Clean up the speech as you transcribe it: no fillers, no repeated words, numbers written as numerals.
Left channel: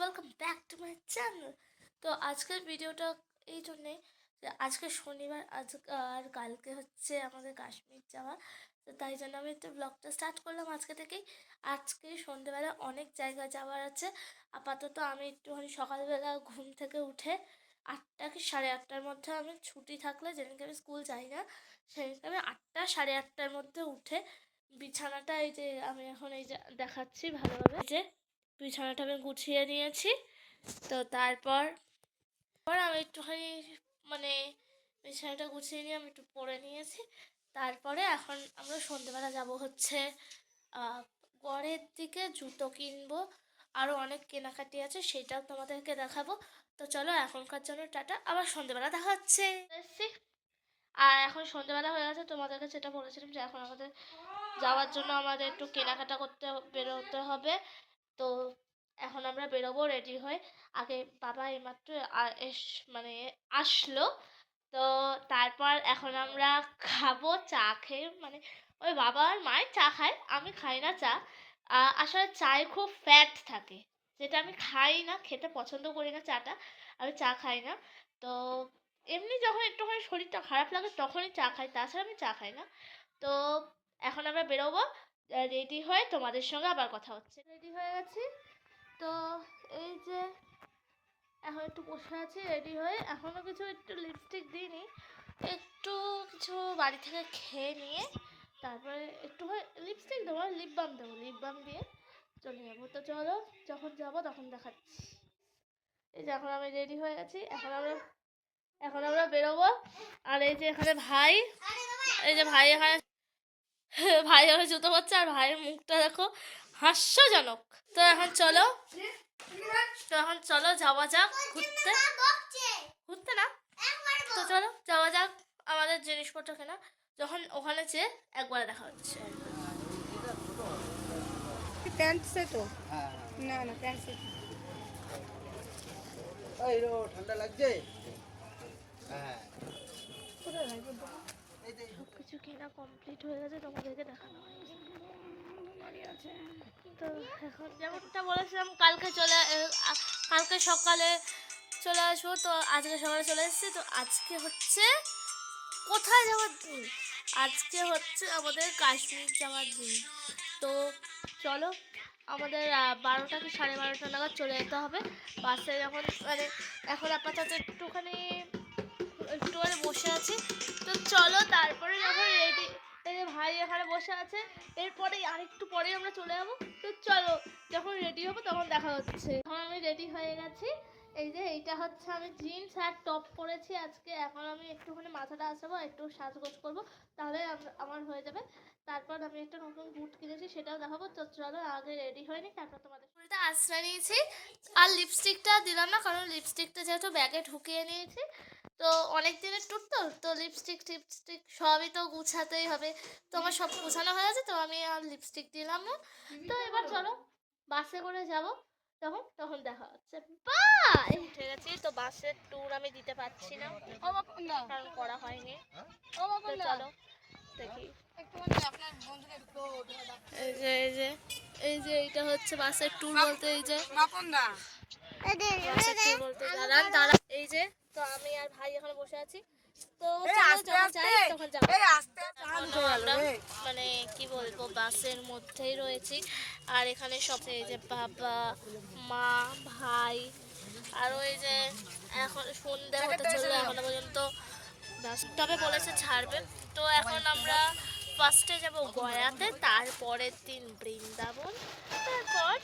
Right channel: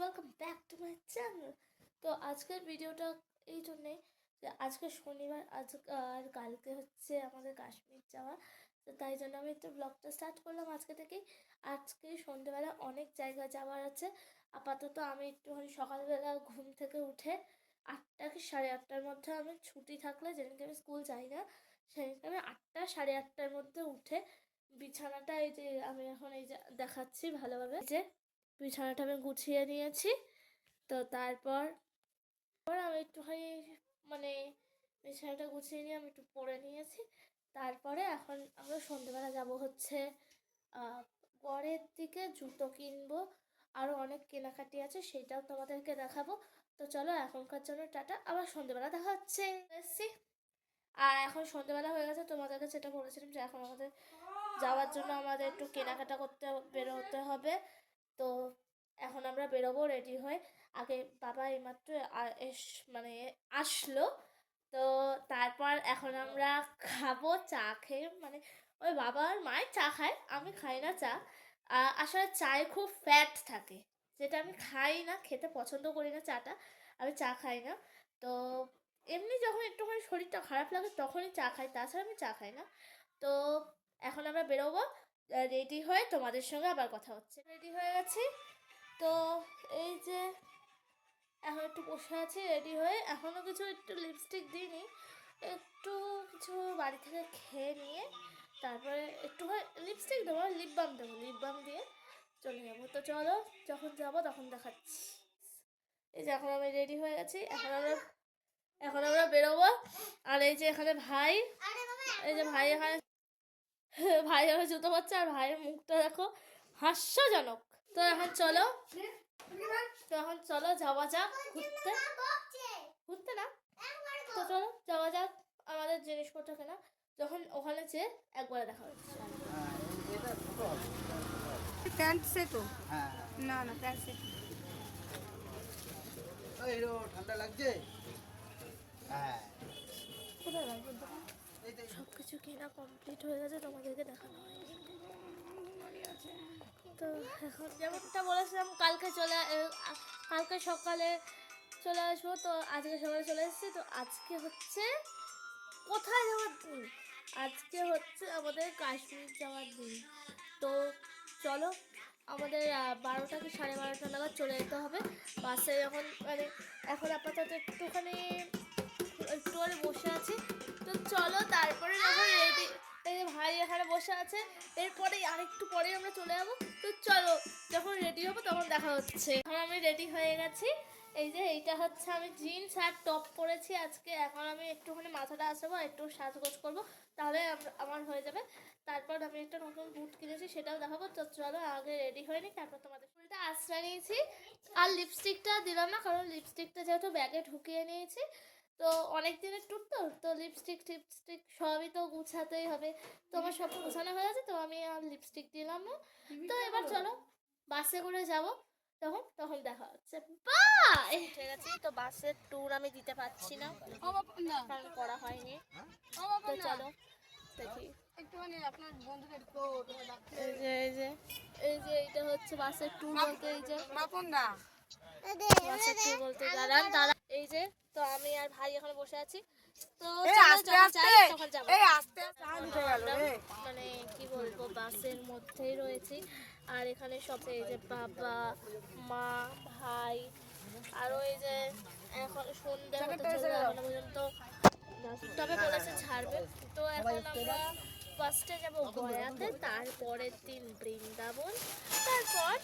Welcome back to my channel. তো আজকের ভিডিওটা এই জন্যে যে আজকে শনিবার, আর কালকে হচ্ছে আমাদের কাশ্মীর যাওয়া। তো তাই জন্য আমি একটু ব্লগটা স্টার্ট করলাম আজকে থেকেই। আজকে সন্ধ্যেবেলা অনেক জায়গায় যাওয়ার আছে। আপাতত আমি একটুখানি সকালবেলা ঘুম থেকে উঠে 8টা কি 8:30টার মধ্যে, আমি ছুটি থাকলে, যেদিনকে আমি স্কুল যাই না সেদিনকে আমি 8টা 8:30টার মধ্যে উঠে বিছানাটা, এই যে আমি এখন এই যে দেখাচ্ছি ভালোভাবে, যে বিছানাটা আমি গুছিয়ে নিয়েছি। তো তারপর আমি একটুখানি মানে বিছানাটা গুছিয়ে নিয়ে আমি একটু পরে নিয়েছি। তারপরে এখন আমরা সন্ধ্যেবেলা যাব হচ্ছে গড়ের দিকে, জুতো কিনবো, আরও অনেক কেনাকাটি আছে, সেটাও তোমাদেরকে দেখাবো। তো চলো, এখনকার জন্য টাটা, আবার সন্ধ্যেবেলা দেখা হচ্ছে। আর এখন সন্ধ্যেবেলা হয়ে গেছে, তোমাদেরকে যেটা বলেছিলাম যে এখন আমাদের যাওয়ার জন্য আমাদের একটু কেনাকাটা করতে বেরোতে হবে। তো এখন আমরা বেরোবো রেডি হয়ে। আগে বাবা এইমাত্র মানে আসলো। তো তারপর এখন আমরা খাবো চা খেয়ে, মানে ওই বাবা আর মায় চা খায়, আমি খাই না চা। আসলে চায়ে খুব ফ্যাট থাকে, যেটা আমি খাই না, খেতে পছন্দ করি না চাটা, আমি চা খাই না। তো এমনি যখন একটুখানি শরীরটা খারাপ লাগে তখনই চা খাই, তাছাড়া আমি চা খাই না। তো এখন আমরা বেরোবো, রেডি হয়ে তোমাদের সঙ্গে আবার কথা হচ্ছে। রেডি হয়ে গেছি। তো এই যে এখন একটু বসে আছি রেডি হয়ে, এখনও কিছু একটু লিপস্টিক দিইনি, একটু কিছু বাড়ি থেকে খেয়ে নিয়ে তারপরে একটু লিপস্টিক দেবো, লিপ বাম দেবো, লিপ বাম দিয়ে চলে যাবো। তো চলো, যখন যাবো তখন দেখাচ্ছি। এই যে এখন আমি রেডি হয়ে গেছি, এখন আমরা বেরোবো। আর এই যে এখানে ভাই, এই যে ভাই এখানে ভাই আমার জুতো পরছে, আর ভাইয়ের মুখটা দেখো, হাস্যজনক। তো এখন চলো, যাওয়া যাক ঘুরতে, ঘুরতে না, তো চলো যাওয়া যাক আমাদের জিনিসপত্র কেনা। যখন ওখানে যেয়ে একবারে দেখা হচ্ছে। প্যান্ট সেটও না না প্যান্ট সেট ঠান্ডা লাগছে। হ্যাঁ, সব কিছু কেনা কমপ্লিট হয়ে গেছে, তোমাদেরকে দেখানো হয়। তো এখন যেমনটা বলেছিলাম কালকে সকালে চলে আসবো, তো আজকে সকালে চলে এসেছি। তো আজকে হচ্ছে কোথায় যাওয়ার দিন, আজকে হচ্ছে আমাদের কাশ্মীর যাওয়ার দিন। তো চলো, আমাদের 12টা কি 12:30 নাগাদ চলে যেতে হবে বাসে। যখন মানে এখন আপাতত একটুখানি বসে আছি। তো চলো, তারপরে যখন রেডি, এই যে ভাই এখানে বসে আছে, এরপরে আরেকটু পরে আমরা চলে যাবো। তো চলো, যখন রেডি হবো তখন দেখা হচ্ছে। এখন আমি রেডি হয়ে গেছি। এই যে এইটা হচ্ছে, আমি জিন্স আর টপ পরেছি আজকে। এখন আমি একটুখানি মাথাটা আসাবো, একটু সাজগোজ করবো, তাহলে আমার হয়ে যাবে। তারপর আমি একটা নতুন বুট কিনেছি, সেটাও দেখাবো। তো চলো, আগে রেডি হয়ে নিই, তারপর তোমাদের পুরোটা আশ্রয় নিয়েছি। আর লিপস্টিকটা দিলাম না, কারণ লিপস্টিকটা যেহেতু ব্যাগে ঢুকিয়ে নিয়েছি, তো অনেক দিনের ট্যুর, তো লিপস্টিক টিপস্টিক সবই তো গুছাতেই হবে। তো আমার সব গুছানো হয়ে গেছে, তো আমি আর লিপস্টিক দিলাম না। তো এবার চলো, বাসে করে যাব, তখন দেখা হচ্ছে। বাই। উঠে গেছি, তো বাসের ট্যুর আমি দিতে পারছি না, কারণ করা হয়নি। তো চলো দেখি। এইটা হচ্ছে বাসের ট্যুর বলতে, এই যে বাসের ট্যুর বলতে, দাঁড়ান, এই যে। তো আমি আর ভাই এখন বসে আছি। তো আমরা মানে কি বলবো, বাসের মধ্যেই রয়েছি। আর এখানে সব, এই যে বাবা, মা, ভাই, আর ওই যে এখন সন্ধ্যে হতে চলবে, এখনো পর্যন্ত তবে বলেছে ছাড়বে। তো এখন আমরা ফার্স্টে যাব গয়াতে, তারপরের দিন বৃন্দাবন, তারপর